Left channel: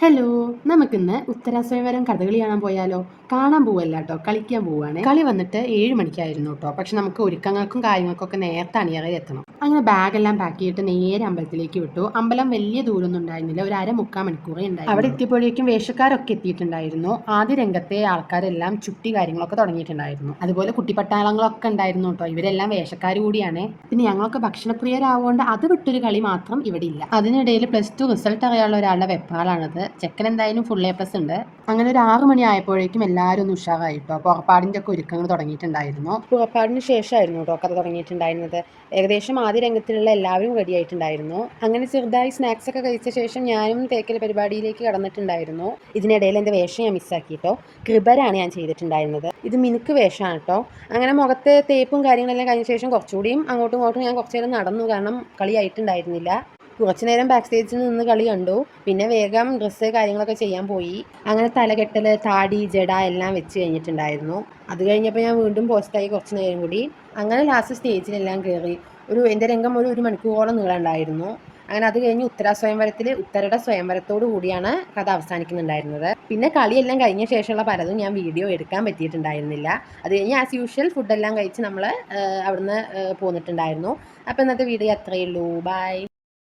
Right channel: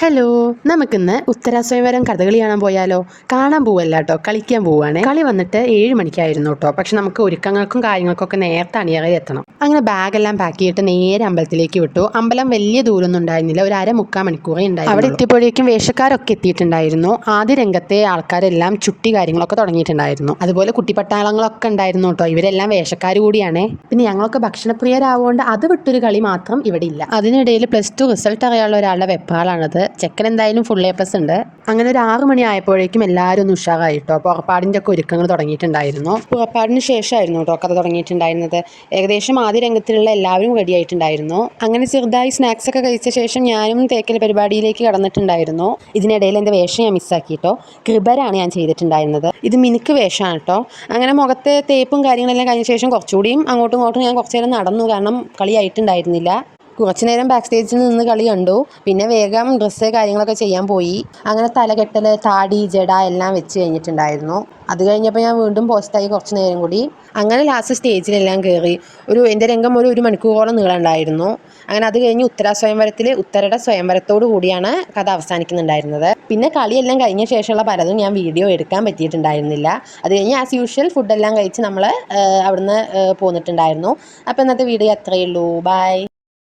Hello, നമുക്കിന്ന് ഉത്തരാസ്വയംവരം കഥകളി കാണാൻ പോയാലോ? കാണാൻ പോവല്ല കേട്ടോ, കളിക്കാൻ പോവുകയാണ്. കളി വന്നിട്ട് 7 മണിക്കായിരുന്നു കേട്ടോ. പക്ഷെ നമുക്ക് ഒരുക്കങ്ങൾക്കും കാര്യങ്ങൾക്കൊക്കെ നേരത്തെ അണിയറയിൽ എത്തണം. അങ്ങനെ ബാഗെല്ലാം പാക്ക് ചെയ്തിട്ട് നേരെ അമ്പലത്തിലേക്ക് വിട്ടു. അമ്പലം വലിയ ദൂരമൊന്നും ഉണ്ടായിരുന്നില്ല, ഒരു 1/4 മണിക്കൂറേ ഉണ്ടായിരുന്നു. അവിടെ എത്തിയപ്പോഴേക്കും വേഷക്കാരൊക്കെ എത്തിയിട്ടുണ്ടായിരുന്നു. ആദ്യ രംഗത്തെ ആൾക്കാരെല്ലാം ചുട്ടി കാര്യങ്ങളൊക്കെ തുടങ്ങിയിട്ടുണ്ടായിരുന്നു. അതുപോലെ കുട്ടിപ്പട്ടാളങ്ങളൊക്കെ ഉണ്ടായിരുന്നു കേട്ടോ. ഇവരെല്ലാം വേഷക്കാർ കൂടിയാണ്. പിന്നെ ഞങ്ങളൊക്കെ ഭക്ഷണപ്രിയരാവുകൊണ്ട് അത് വിട്ടൊരു കളി മാത്രം ഇവിടെ ഇല്ല. അതിനിടയിൽ +2 റിസൾട്ട് അറിയാനുള്ള ഒരാളുടെ വെപ്പാളാണത്. ചെക്കൻ എന്തായാലും ഫുൾ A+ ഉണ്ട്. അങ്ങനെ ഒരു 6 മണി ആയപ്പോഴേക്കും എല്ലാവരും ഒന്ന് ഉഷാറായിട്ടോ. പുറപ്പാടിൻ്റെ ഒക്കെ ഒരുക്കങ്ങൾ തുടങ്ങിയിട്ടുണ്ടായിരുന്നു. പുറപ്പാടിന് ശേഷമായിരുന്നു കേട്ടോ കഥ തുടങ്ങിയിട്ടുണ്ടായിരുന്നത്. ഏകദേശം ആദ്യ രംഗത്തിലുള്ള എല്ലാവരും റെഡി ആയിട്ടുണ്ടായിരുന്നു. അങ്ങനെ ചെറുതായി സ്നാക്സ് ഒക്കെ കഴിച്ച ശേഷം ഞാനും തേക്കൽ പരിപാടിയിലേക്ക് കടന്നിട്ടുണ്ടായിരുന്നു. ഇതിനിടയിൽ എൻ്റെ വേഷം ഞാൻ മിസ്സാക്കിയിട്ടോ. കൃപരാണ് ഞാൻ ചെയ്തിട്ടുണ്ടായിരുന്നത്. ഇത് മിനുക്ക് വേഷമാണ് കേട്ടോ. അങ്ങനെ മുഖത്തെ തേപ്പും കാര്യങ്ങളെല്ലാം കഴിഞ്ഞ ശേഷം കുറച്ചുകൂടിയും അങ്ങോട്ടും ഇങ്ങോട്ടും ഞാൻ കുറച്ചു നേരം നടന്നു, കാരണം കളി ആയിട്ടുണ്ടായിരുന്നില്ല. കുറച്ച് നേരം ബാക്ക് സ്റ്റേജിൽ നിന്ന് കളി കണ്ടു. പിന്നെ വേഗം ഡ്രസ്സ് കാര്യങ്ങളൊക്കെ ചെയ്യാൻ പോയി. അങ്ങനെ തലകെട്ടൽ, താടി, ജട എല്ലാം വെച്ച് കഴിഞ്ഞിട്ടുണ്ടായിരുന്നു. അത് കഴിഞ്ഞപ്പോൾ ഞാൻ വീണ്ടും പോസ്റ്റായി കുറച്ച് നേരം കൂടി. അങ്ങനെ ലാസ്റ്റ് സ്റ്റേജിലെല്ലാം കയറി. എൻ്റെ രംഗം ഒരു മണിക്കൂറോളം നീളമുണ്ടായിരുന്നു. അങ്ങനെ അത് കഴിഞ്ഞ് ഉത്തരാസ്വയംവരത്തിൽ ഉത്തരയുടെ സ്വയംവരത്തോടു കൂടിയാണ് കഥ അവസാനിക്കുന്നുണ്ടായിരുന്നത്. പിന്നെ കളിയെല്ലാം കഴിഞ്ഞ ശേഷമുള്ള പലതും ഞാൻ വീഡിയോ എടുക്കാൻ പറ്റിയിട്ടുണ്ടായിരുന്നില്ല. അത് കഴിഞ്ഞ് ആസ് യൂഷ്വൽ ഫുഡെല്ലാം കഴിച്ച് നമ്മൾ അവിടുന്ന് പോന്നിട്ടുണ്ടായിരുന്നു. അപ്പോൾ ഇന്നത്തെ വീഡിയോ അത്രയേ ഉള്ളൂ. ബൈ.